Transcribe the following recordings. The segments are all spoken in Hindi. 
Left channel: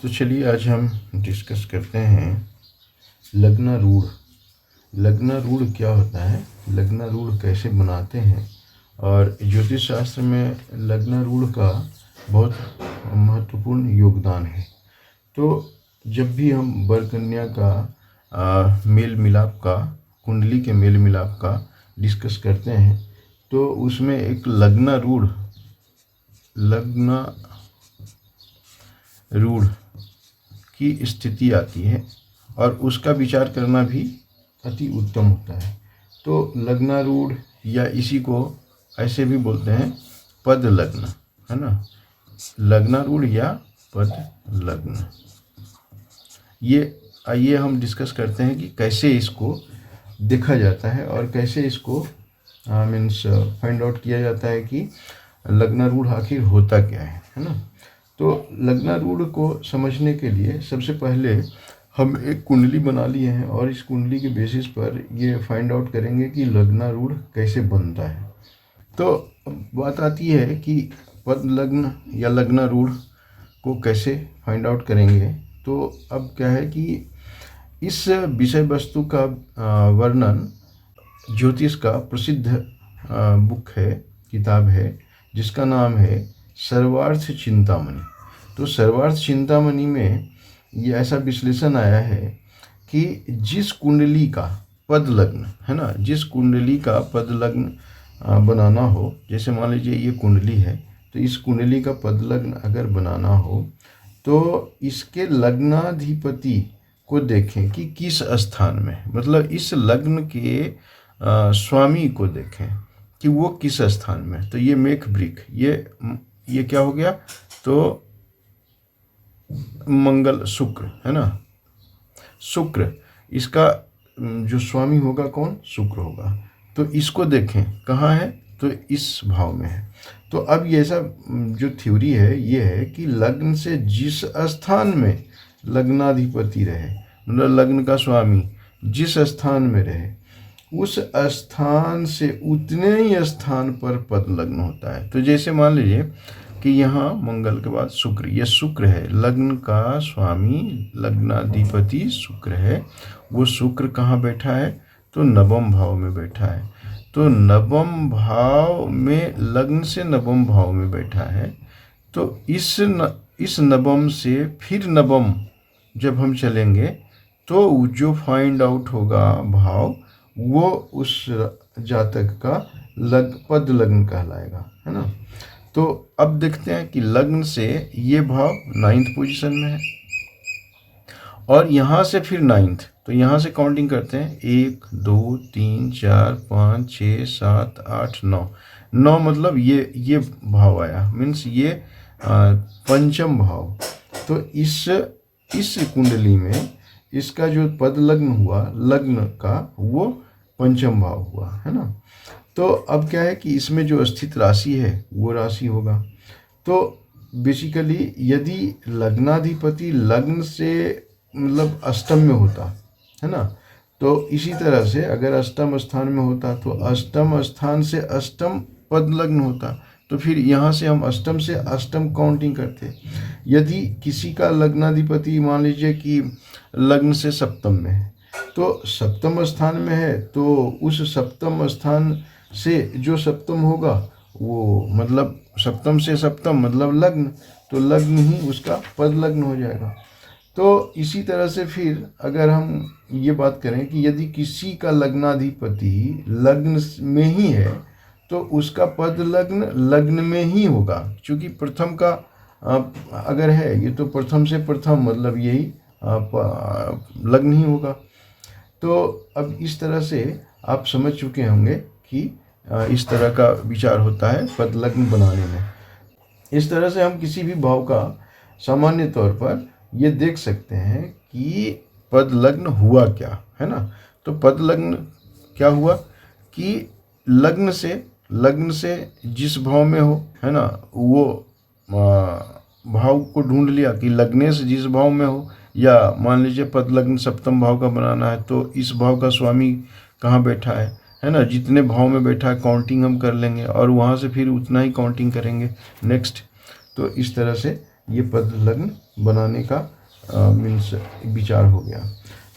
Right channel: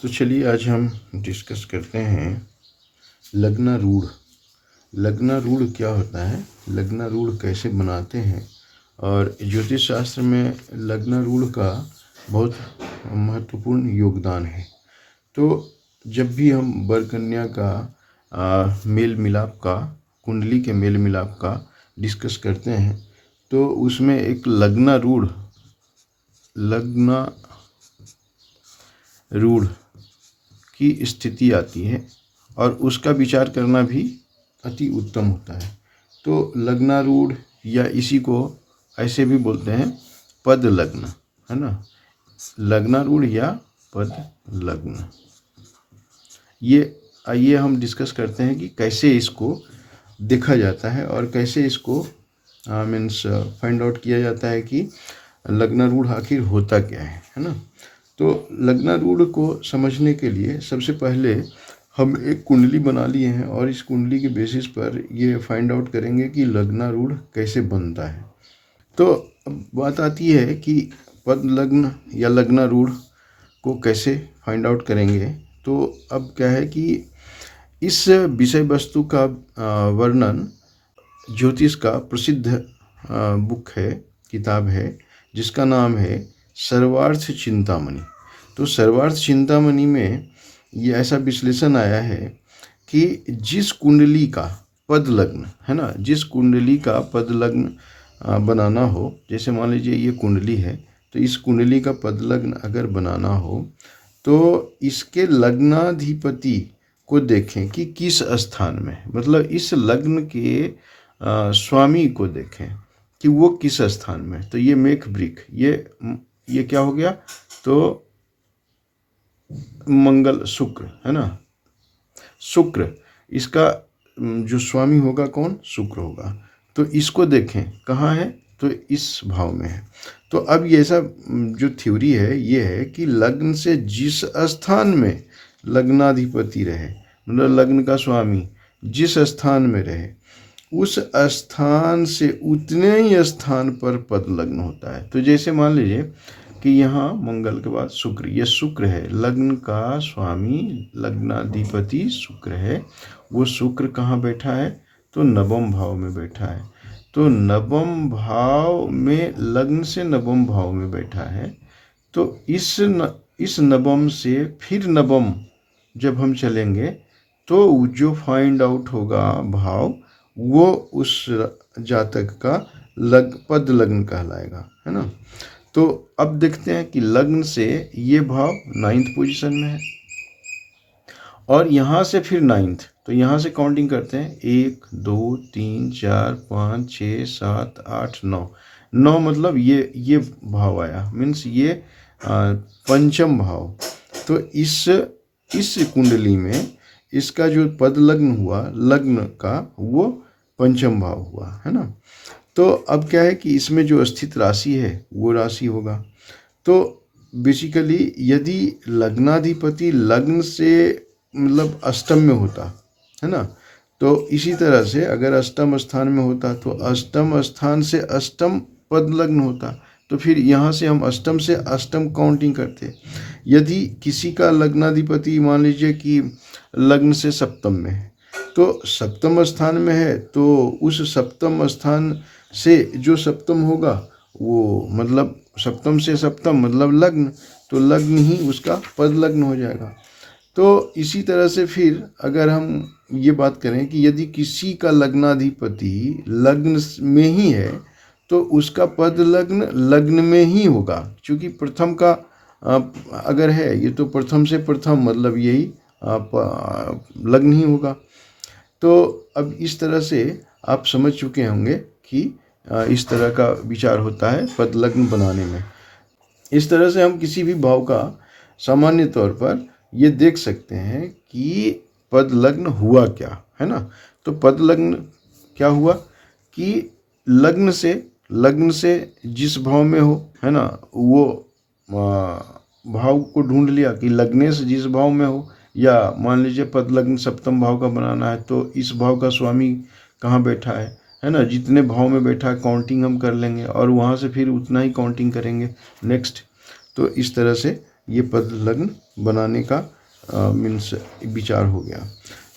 तो चलिए आज हम डिस्कस करते हैं लग्नारूढ़। लग्नारूढ़ क्या होता है, लग्नारूढ़ कैसे बनाते हैं, और ज्योतिष शास्त्र में लग्नारूढ़ का बहुत महत्वपूर्ण योगदान है। तो जब भी हम वर कन्या का मेल मिलाप का, कुंडली के मेल मिलाप का डिस्कस करते हैं तो उसमें एक लग्नारूढ़ की स्थिति आती है और उसका विचार करना भी अति उत्तम होता है। तो लग्नारूढ़ या इसी को ऐसे भी बोलते हैं पद लग्न, है ना। लग्नारूढ़ या पद लग्न, ये आइए हम डिस्कस करते हैं कि कैसे इसको देखा जाता है और कैसे इसको मीन्स फाइंड आउट किया जाता है कि लग्नारूढ़ आखिर होता क्या है ना। तो लग्नारूढ़ को समझने के लिए सबसे पहले हम एक कुंडली बना लिए हैं और इस कुंडली के बेसिस पर ये फाइंड आउट करेंगे कि लग्नारूढ़ कैसे बनता है। तो अब बात आती है कि पद लग्न या लग्नारूढ़ को कैसे फाइंड आउट करेंगे। तो अब क्या है कि इस विषय वस्तु का वर्णन ज्योतिष का प्रसिद्ध बुक है, किताब है, जिसका नाम है सर्वार्थ चिंतामणि। तो सर्वार्थ चिंतामणि में ये ऐसा विश्लेषण आया है कि जिस कुंडली का पद लग्न, है ना, जिस कुंडली का पद लग्न बनाना हो, जैसे मान लीजिए ये कुंडली है, तो इस कुंडली का पद लग्न अगर बनाना हो तो इसके लग्नाधिपति को देखें कि किस स्थान में, मतलब इस लग्न के स्वामी को देखें कि वो किस स्थान में। तो ये मेघ वृक, ये क्या हो गया, तो मंगल शुक्र, है ना, शुक्र, इसका जो स्वामी होगा कौन, शुक्र होगा। तो इसको देखें कहाँ है, तो इस भाव में है। तो अब ये ऐसा जो थ्योरी है ये है कि लग्न से जिस स्थान में लग्नाधिपति रहे, मतलब लग्न का स्वामी जिस स्थान में रहे, उस स्थान से उतने ही स्थान पर पद लग्न होता है। तो जैसे मान लीजिए कि यहाँ मंगल के बाद शुक्र, ये शुक्र है, लग्न का स्वामी लग्नाधिपति शुक्र है। वो शुक्र कहाँ बैठा है, तो नवम भाव में बैठा है। तो नवम भाव में, लग्न से नवम भाव में बैठा है। तो इस नवम से फिर नवम जब हम चलेंगे तो जो फाइंड आउट होगा भाव, वो उस जातक का पद लग्न कहलाएगा, है ना। तो अब देखते हैं कि लग्न से ये भाव 9th पोजीशन में है और यहाँ से फिर 9th, तो यहाँ से काउंटिंग करते हैं 1 2 3 4 5 6 7 8 9 मतलब ये भाव आया, मीन्स ये पंचम भाव। तो इस कुंडली में इसका जो पद लग्न हुआ, लग्न का, वो पंचम भाव हुआ, है ना। तो अब क्या है कि इसमें जो स्थित राशि है वो राशि होगा। तो बेसिकली यदि लग्नाधिपति लग्न से मतलब अष्टम में होता, है ना, तो इसी तरह से अगर अष्टम स्थान में होता तो अष्टम स्थान से अष्टम पद लग्न होता। तो फिर यहाँ से हम अष्टम से अष्टम काउंटिंग करते। यदि किसी का लग्नाधिपति मान लीजिए कि लग्न से सप्तम में है, तो सप्तम स्थान में है, तो उस सप्तम स्थान से जो सप्तम होगा वो मतलब सप्तम से सप्तम मतलब लग्न, तो लग्न ही उसका पद लग्न हो जाएगा। तो इसी तरह से फिर अगर हम ये बात करें कि यदि किसी का लग्नाधिपति लग्न में ही है तो उसका पद लग्न लग्न में ही होगा, क्योंकि प्रथम का अगर है ये तो प्रथम से प्रथम मतलब यही लग्न ही होगा। तो अब इस तरह से आप समझ चुके होंगे कि इस तरह का विचार होता है पद लग्न बनाने में। इस तरह से हम किसी भी भाव का सामान्य तौर पर ये देख सकते हैं कि पद लग्न हुआ क्या, है ना। तो पद लग्न क्या हुआ कि लग्न से जिस भाव में हो, है ना, वो भाव को ढूंढ लिया कि लग्ने से जिस भाव में हो, या मान लीजिए पद लग्न सप्तम भाव का बनाना है तो इस भाव का स्वामी कहाँ बैठा है ना, जितने भाव में बैठा है काउंटिंग हम कर लेंगे और वहाँ से फिर उतना ही काउंटिंग करेंगे नेक्स्ट। तो इस तरह से ये पद लग्न बनाने का मीन्स विचार हो गया।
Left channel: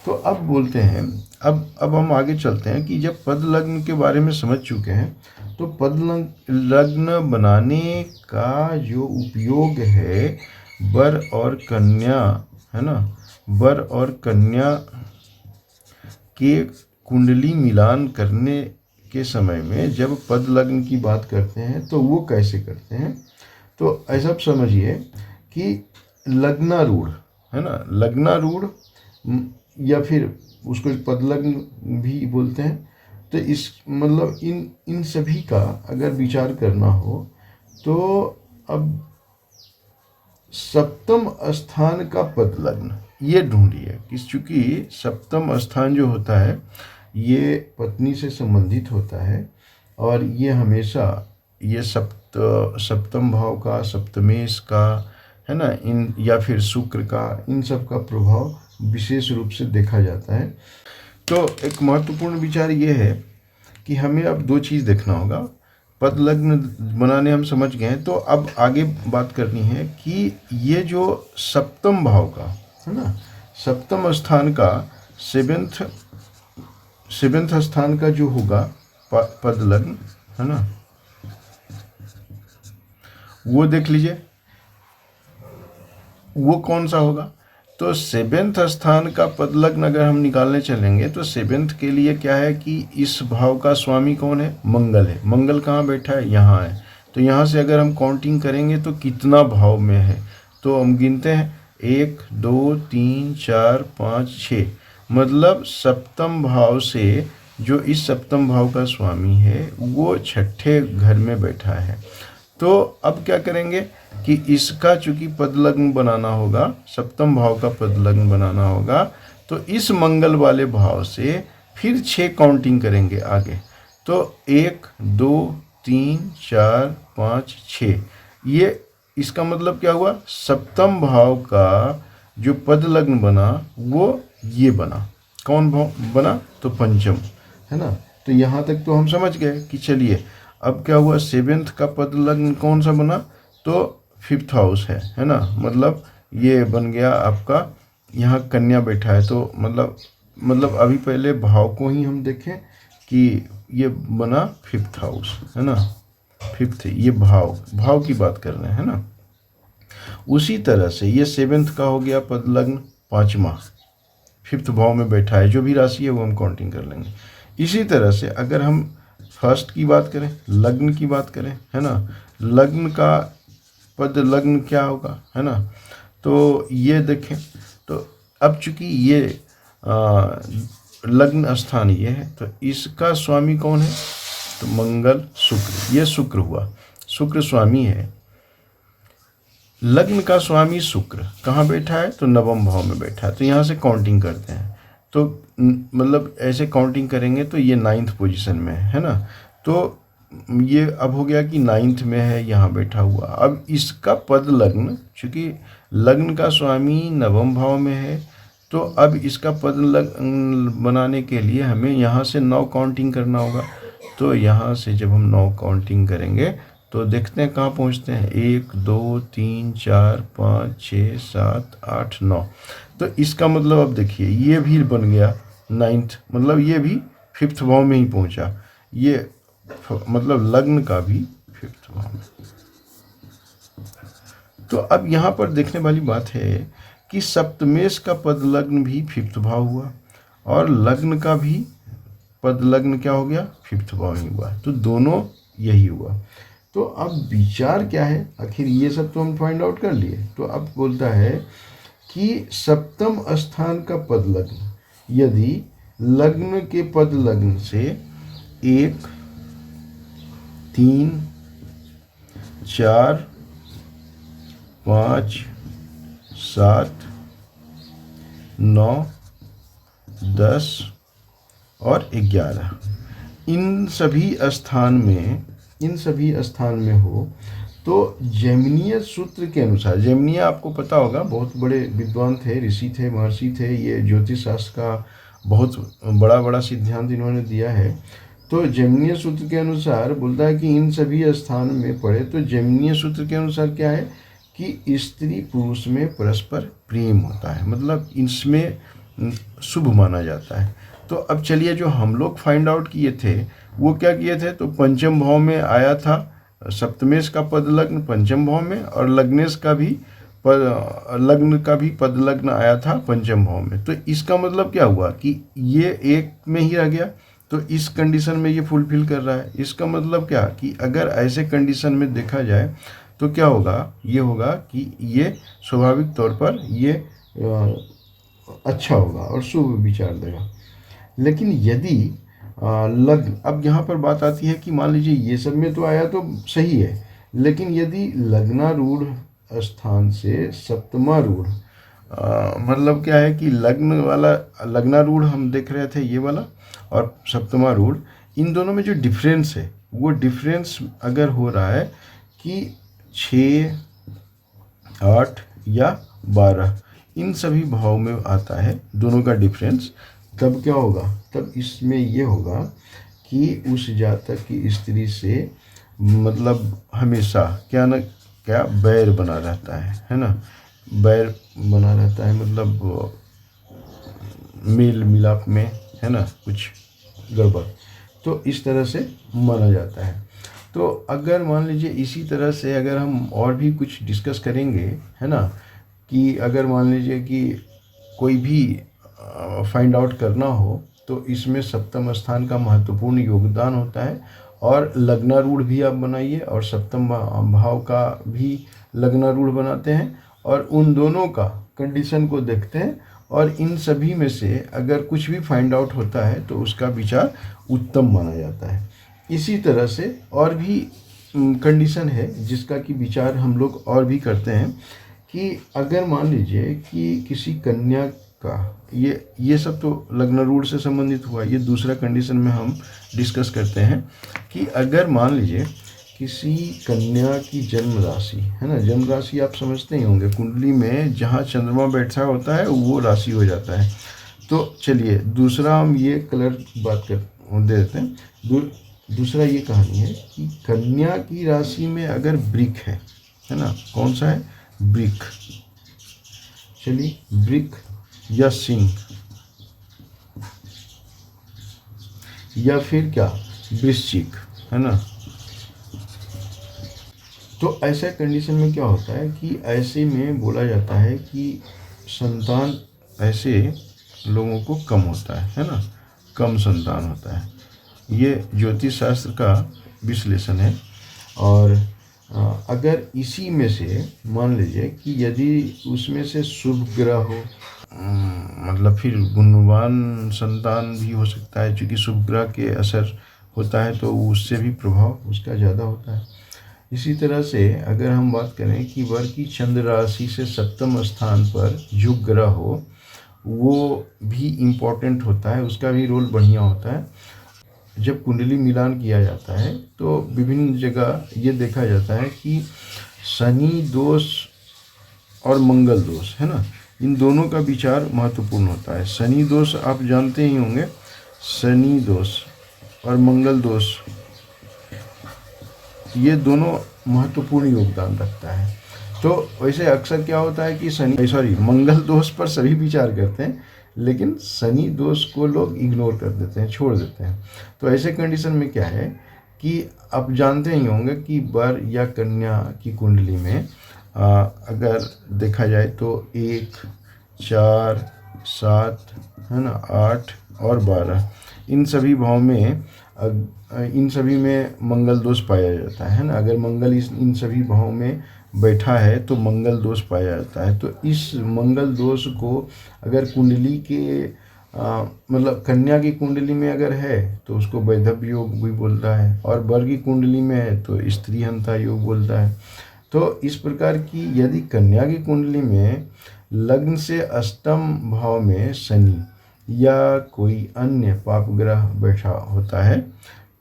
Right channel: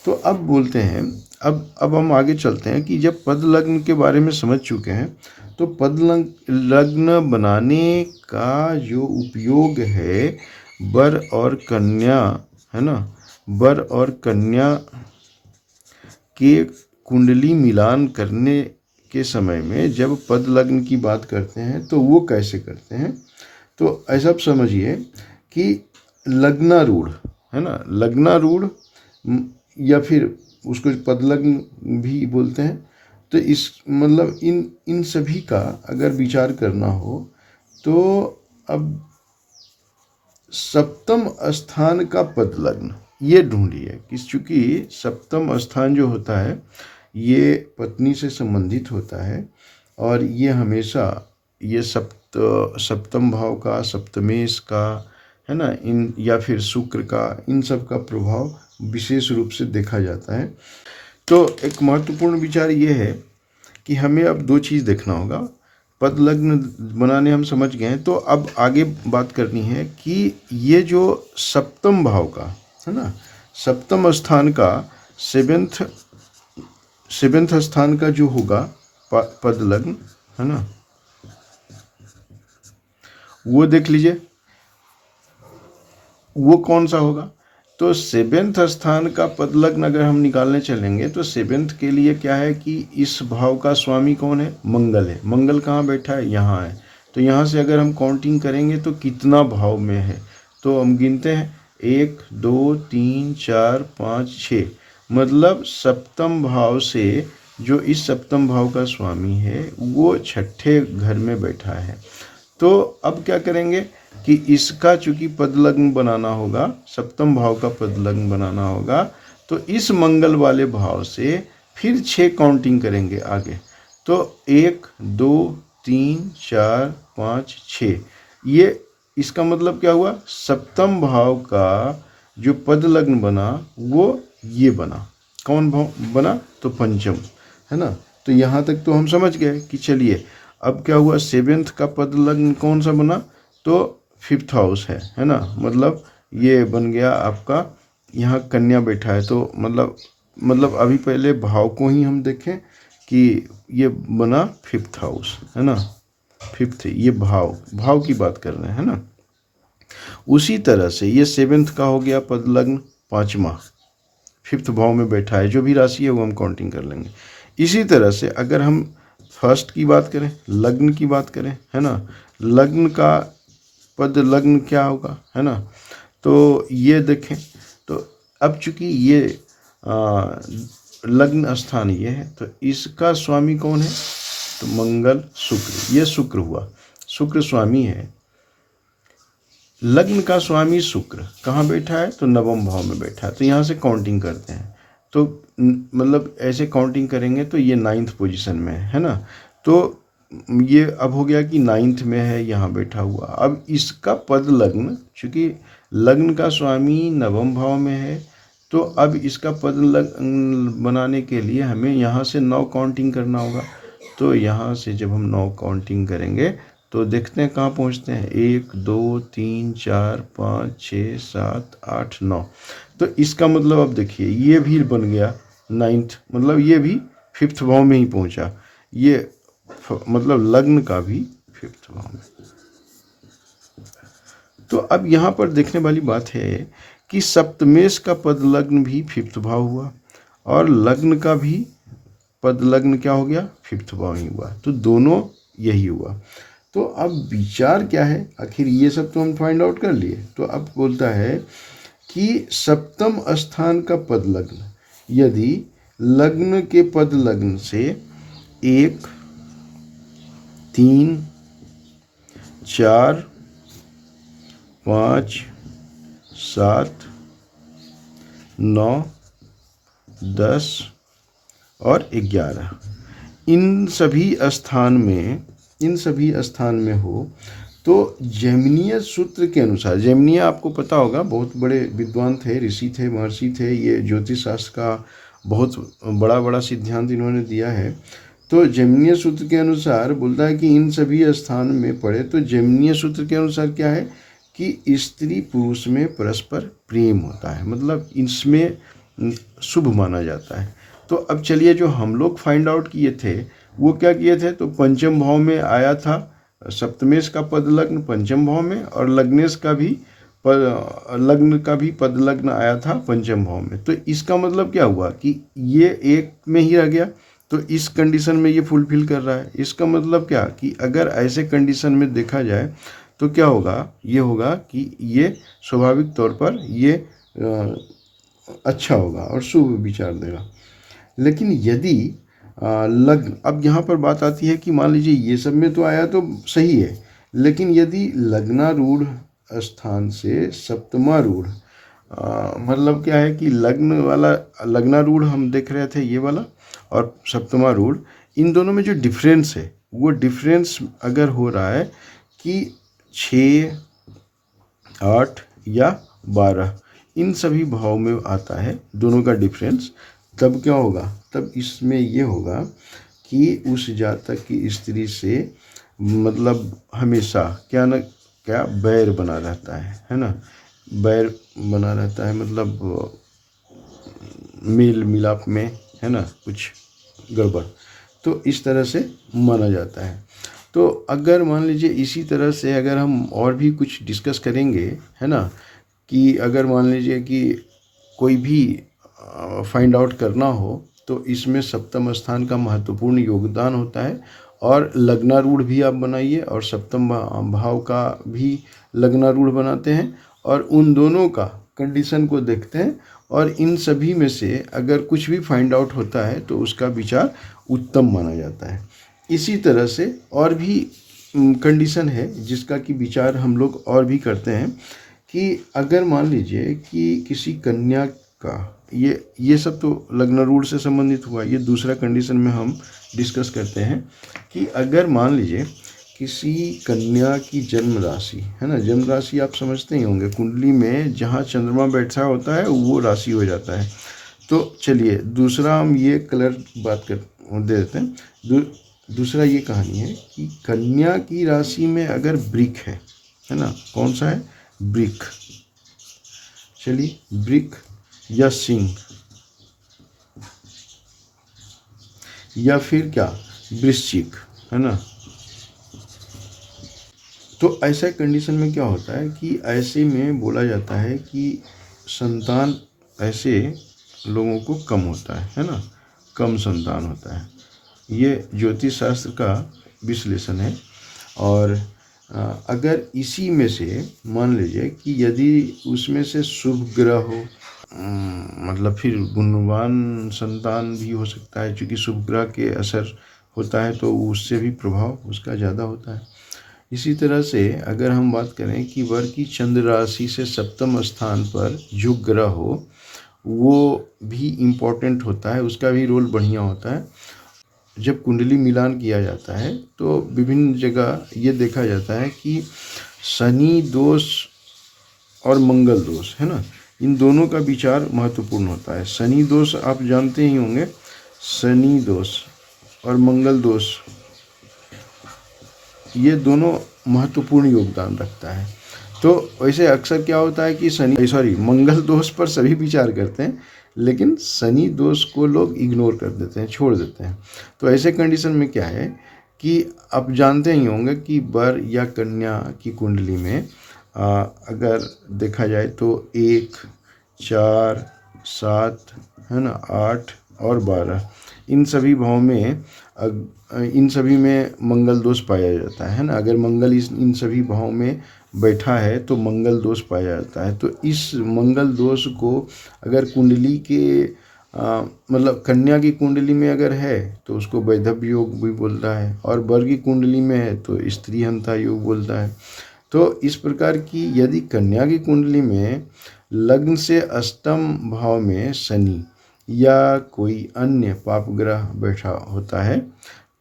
तो अब बोलते हैं, अब हम आगे चलते हैं कि जब पद लग्न के बारे में समझ चुके हैं तो पद लग्न बनाने का जो उपयोग है वर और कन्या, है ना, वर और कन्या के कुंडली मिलान करने के समय में जब पद लग्न की बात करते हैं तो वो कैसे करते हैं। तो ऐसा समझिए कि लग्नारूढ़, है ना, लग्नारूढ़ या फिर उसको पद लग्न भी बोलते हैं। तो इस मतलब इन सभी का अगर विचार करना हो तो अब सप्तम स्थान का पद लग्न ये ढूंढिए कि चूंकि सप्तम स्थान जो होता है ये पत्नी से संबंधित होता है और ये हमेशा ये सप्तम भाव का, सप्तमेश का, है ना, इन या फिर शुक्र का, इन सब का प्रभाव विशेष रूप से देखा जाता है। तो एक महत्वपूर्ण विचार ये है कि हमें अब दो चीज़ देखना होगा। पद लग्न बनाने हम समझ गए हैं, तो अब आगे बात करनी है कि ये जो सप्तम भाव का, है ना, सप्तम स्थान का सेवेंथ स्थान का जो होगा पद लग्न, है ना, वो देख लीजिए वो कौन सा होगा। तो सेवेंथ स्थान का पद लग्न अगर हम निकालने चलेंगे तो सेवेंथ के लिए क्या है कि इस भाव का स्वामी कौन है, मंगल है। मंगल कहाँ बैठा है, यहाँ है। तो यहाँ से अगर हम काउंटिंग करेंगे तो कितना भाव में है, तो हम गिनते हैं 1 2 3 4 5 6, मतलब सप्तम भाव से जो इस सप्तम भाव का स्वामी है वो छठे घर में बैठा है। तो अब क्या करेंगे कि इसका चूंकि पद लग्न बनाना होगा, सप्तम भाव का पद लग्न बनाना होगा, तो इस मंगल वाले भाव से फिर 6 काउंटिंग करेंगे आगे। तो 1 2 3 4 5 6, ये इसका मतलब क्या हुआ, सप्तम भाव का जो पद लग्न बना वो ये बना। कौन भाव बना, तो पंचम, है ना। तो यहाँ तक तो हम समझ गए कि चलिए अब क्या हुआ, सेवेंथ का पद लग्न कौन सा बना, तो फिफ्थ हाउस है ना, मतलब ये बन गया आपका, यहाँ कन्या बैठा है। तो मतलब अभी पहले भाव को ही हम देखें कि ये बना फिफ्थ हाउस, है ना, फिफ्थ, ये भाव की बात कर रहे हैं ना। उसी तरह से ये सेवेंथ का हो गया पद लग्न, पाँचवा फिफ्थ भाव में बैठा है, जो भी राशि है वो हम काउंटिंग कर लेंगे। इसी तरह से अगर हम फर्स्ट की बात करें, लग्न की बात करें, है ना, लग्न का पद लग्न क्या होगा, है ना। तो ये देखें, तो अब चूंकि ये लग्न स्थान ये है तो इसका स्वामी कौन है, तो मंगल शुक्र, ये शुक्र हुआ, शुक्र स्वामी है। लग्न का स्वामी शुक्र कहाँ बैठा है, तो नवम भाव में बैठा है। तो यहाँ से काउंटिंग करते हैं, तो मतलब ऐसे काउंटिंग करेंगे तो ये 9th पोजीशन में है ना। तो ये अब हो गया कि 9th में है, यहाँ बैठा हुआ। अब इसका पद लग्न, चूँकि लग्न का स्वामी नवम भाव में है, तो अब इसका पद लग्न बनाने के लिए हमें यहाँ से 9 काउंटिंग करना होगा। तो यहाँ से जब हम 9 काउंटिंग करेंगे तो देखते हैं कहाँ पहुँचते हैं, 1 2 3 4 5 6 7 8 9। तो इसका मतलब अब देखिए ये भी बन गया 9th, मतलब ये भी 5th भाव में ही पहुँचा, ये मतलब लग्न का भी 5th भाव में। तो अब यहाँ पर देखने वाली बात है कि सप्तमेश का पद लग्न भी 5th भाव हुआ और लग्न का भी पद लग्न क्या हो गया, 5th भाव ही हुआ। तो दोनों यही हुआ। तो अब विचार क्या है, आखिर ये सब तो हम फाइंड आउट कर लिए। तो अब बोलता है कि सप्तम स्थान का पद लग्न यदि लग्न के पद लग्न से 1 3 4 5 7 9 10 और 11 इन सभी स्थान में हो, तो जैमिनीय सूत्र के अनुसार, जैमिनीय आपको पता होगा बहुत बड़े विद्वान थे, ऋषि थे, महर्षि थे, ये ज्योतिष शास्त्र का बहुत बड़ा सिद्धांत इन्होंने दिया है। तो जैमिनीय सूत्र के अनुसार बोलता है कि इन सभी स्थान में पढ़े। तो जैमिनीय सूत्र के अनुसार क्या है कि स्त्री पुरुष में परस्पर प्रेम होता है, मतलब इसमें शुभ माना जाता है। तो अब चलिए, जो हम लोग फाइंड आउट किए थे वो क्या किए थे, तो पंचम भाव में आया था, सप्तमेश का पद लग्न पंचम भाव में, और लग्नेश का भी लग्न का भी पद लग्न आया था पंचम भाव में। तो इसका मतलब क्या हुआ कि ये एक में ही रह गया, तो इस कंडीशन में ये फुलफिल कर रहा है। इसका मतलब क्या कि अगर ऐसे कंडीशन में देखा जाए तो क्या होगा, ये होगा कि ये स्वाभाविक तौर पर ये अच्छा होगा और शुभ विचार देगा। लेकिन यदि लग्न, अब यहाँ पर बात आती है कि मान लीजिए ये सब में तो आया तो सही है, लेकिन यदि लग्नारूढ़ स्थान से सप्तमारूढ़, मतलब क्या है कि लग्न वाला, लग्नारूढ़ हम देख रहे थे ये वाला, और सप्तमारूढ़, इन दोनों में जो डिफरेंस है वो डिफरेंस अगर हो रहा है कि 6, 8 या 12, इन सभी भाव में आता है दोनों का डिफरेंस, तब क्या होगा, तब इसमें ये होगा कि उस जातक की स्त्री से मतलब हमेशा क्या न क्या बैर बना रहता है ना, बैर बना रहता है, मतलब मेल मिलाप में, है ना, कुछ गड़बड़, तो इस तरह से माना जाता है। तो अगर मान लीजिए इसी तरह से अगर हम और भी कुछ डिस्कस करेंगे, है ना, कि अगर मान लीजिए कि कोई भी फाइंड आउट करना हो तो इसमें सप्तम स्थान का महत्वपूर्ण योगदान होता है, और लग्नारूढ़ भी आप बनाइए और सप्तम भाव का भी लग्नारूढ़ बनाते हैं, और उन दोनों का कंडीशन को देखते हैं, और इन सभी में से अगर कुछ भी फाइंड आउट होता है तो उसका विचार उत्तम माना जाता है। इसी तरह से और भी कंडीशन है जिसका कि विचार हम लोग और भी करते हैं, कि अगर मान लीजिए कि किसी कन्या का, ये सब तो लग्नारूढ़ से संबंधित हुआ, ये दूसरा कंडीशन में हम डिस्कस करते हैं कि अगर मान लीजिए किसी कन्या की जन्म राशि, है ना, जन्म राशि आप समझते ही होंगे, कुंडली में जहाँ चंद्रमा बैठा होता है वो राशि हो जाता है। तो चलिए दूसरा हम ये कलर बात कर दे देते हैं। दूसरा ये कहानी है कि कन्या की राशि में अगर वृक है ना, कौन सा है, वृक, चलिए वृक या सिंह या फिर क्या, वृश्चिक, है ना। तो ऐसा कंडीशन में क्या होता है कि ऐसे में बोला जाता है कि संतान ऐसे लोगों को कम होता है ना, कम संतान होता है। ये ज्योतिष शास्त्र का विश्लेषण है। और अगर इसी में से मान लीजिए कि यदि उसमें से शुभ ग्रह हो, मतलब फिर गुणवान संतान भी हो सकता है, क्योंकि शुभ ग्रह के असर होता है तो उससे भी प्रभाव उसका ज़्यादा होता है। इसी तरह से अगर हम बात करें कि वर की चंद्र राशि से सप्तम स्थान पर जो ग्रह हो वो भी इम्पोर्टेंट होता है, उसका भी रोल बढ़िया होता है। जब कुंडली मिलान किया जाता है तो विभिन्न जगह ये देखा जाता है कि शनि दोष और मंगल दोष, है ना, इन दोनों का विचार महत्वपूर्ण होता है। शनि दोष आप जानते ही होंगे, शनि दोष और मंगल दोष, ये दोनों महत्वपूर्ण योगदान रखता है। तो वैसे अक्सर क्या होता है कि मंगल दोष पर सभी विचार करते हैं, लेकिन शनि दोष को लोग इग्नोर कर देते हैं, छोड़ देते हैं। तो ऐसे कंडीशन में क्या है कि आप जानते ही होंगे कि वर या कन्या की कुंडली में अगर देखा जाए तो 1, 4, 7, है ना, 8 और 12, इन सभी भाव में इन सभी में मंगल दोष पाया जाता है ना। अगर मंगल इन सभी भाव में बैठा है तो मंगल दोष पाया जाता है। तो इस मंगल दोष को अगर कुंडली के मतलब कन्या की कुंडली में अगर है तो उसको वैधव्य योग भी बोलता है, और वर की कुंडली में है तो स्त्री हंता योग बोलता है। तो इस प्रकार की यदि कन्या की कुंडली में लग्न से अष्टम भाव में शनि या कोई अन्य पाप ग्रह बैठा होता है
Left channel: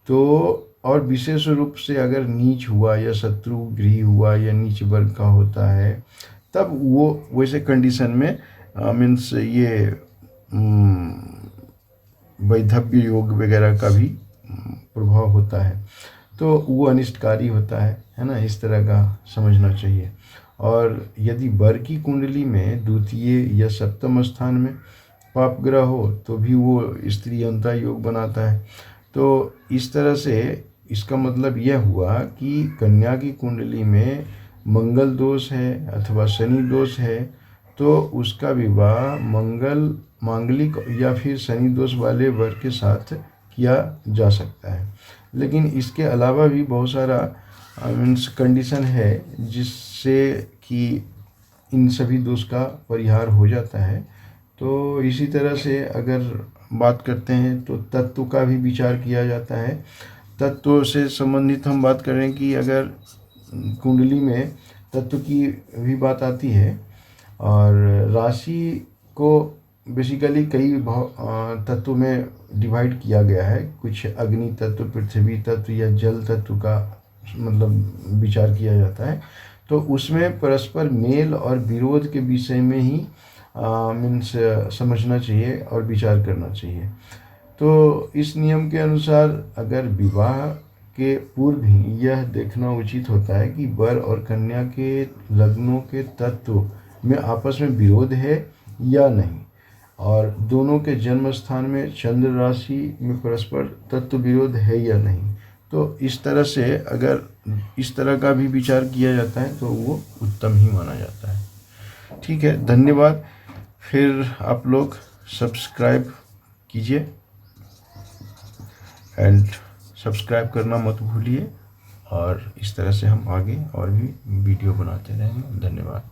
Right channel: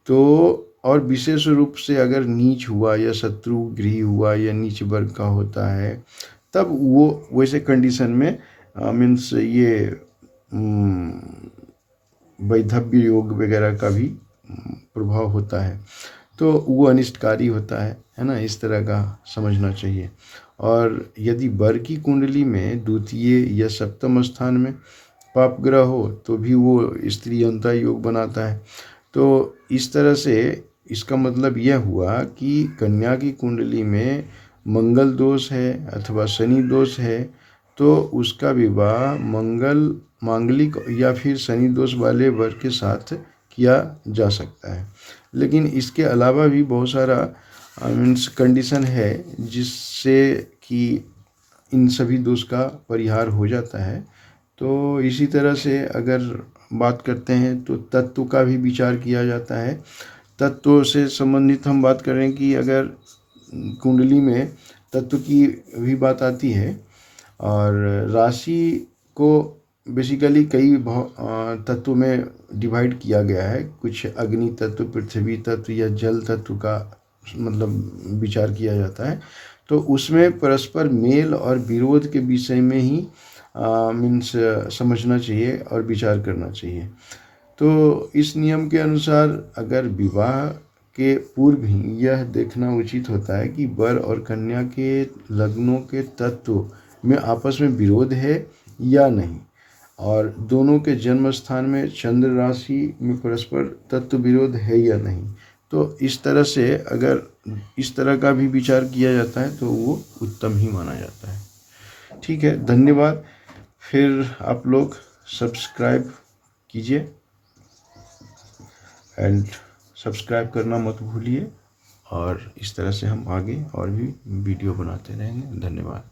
तो, और विशेष रूप से अगर नीच हुआ या शत्रु गृह हुआ या नीच वर्ग का होता है, तब वो वैसे कंडीशन में मीन्स ये वैधव्य योग वगैरह का भी प्रभाव होता है, तो वो अनिष्टकारी होता है ना। इस तरह का समझना चाहिए। और यदि वर की कुंडली में द्वितीय या सप्तम स्थान में पाप ग्रह हो तो भी वो स्त्री अंता योग बनाता है। तो इस तरह से इसका मतलब यह हुआ कि कन्या की कुंडली में मंगल दोष है अथवा शनि दोष है तो उसका विवाह मांगलिक या फिर शनि दोष वाले वर के साथ किया जा सकता है। लेकिन इसके अलावा भी बहुत सारा मीन्स कंडीशन है जिससे कि इन सभी दोष का परिहार हो जाता है। तो इसी तरह से अगर बात करते हैं तो तत्व का भी विचार किया जाता है। तत्व से संबंधित हम बात करें कि अगर कुंडली में तत्व की भी बात आती है और राशि को बेसिकली कई तत्व में डिवाइड किया गया है। कुछ अग्नि तत्व, पृथ्वी तत्व या जल तत्व का मतलब विचार किया जाता है। तो उसमें परस्पर मेल और विरोध के विषय में ही मीन्स समझना चाहिए और विचार करना चाहिए। तो इस नियम के अनुसार अगर विवाह के पूर्व ही यह देखना उचित होता है कि वर और कन्या के लग्नों के तत्व में आपस में विरोध है या नहीं, और दोनों के जन्म स्थान में चंद्र राशि में परस्पर तत्व विरोध है या नहीं। तो इस तरह से अगर इस तरह का भी विचार किया जाता है तो वो उत्तम ही माना जाता है। ठीक है, धन्यवाद। फिर आप लोग सब्सक्राइब कीजिए एंड सब्सक्राइब करना मत भूलिए, और इस तरह से हम आगे और भी वीडियो बनाते रहेंगे। धन्यवाद।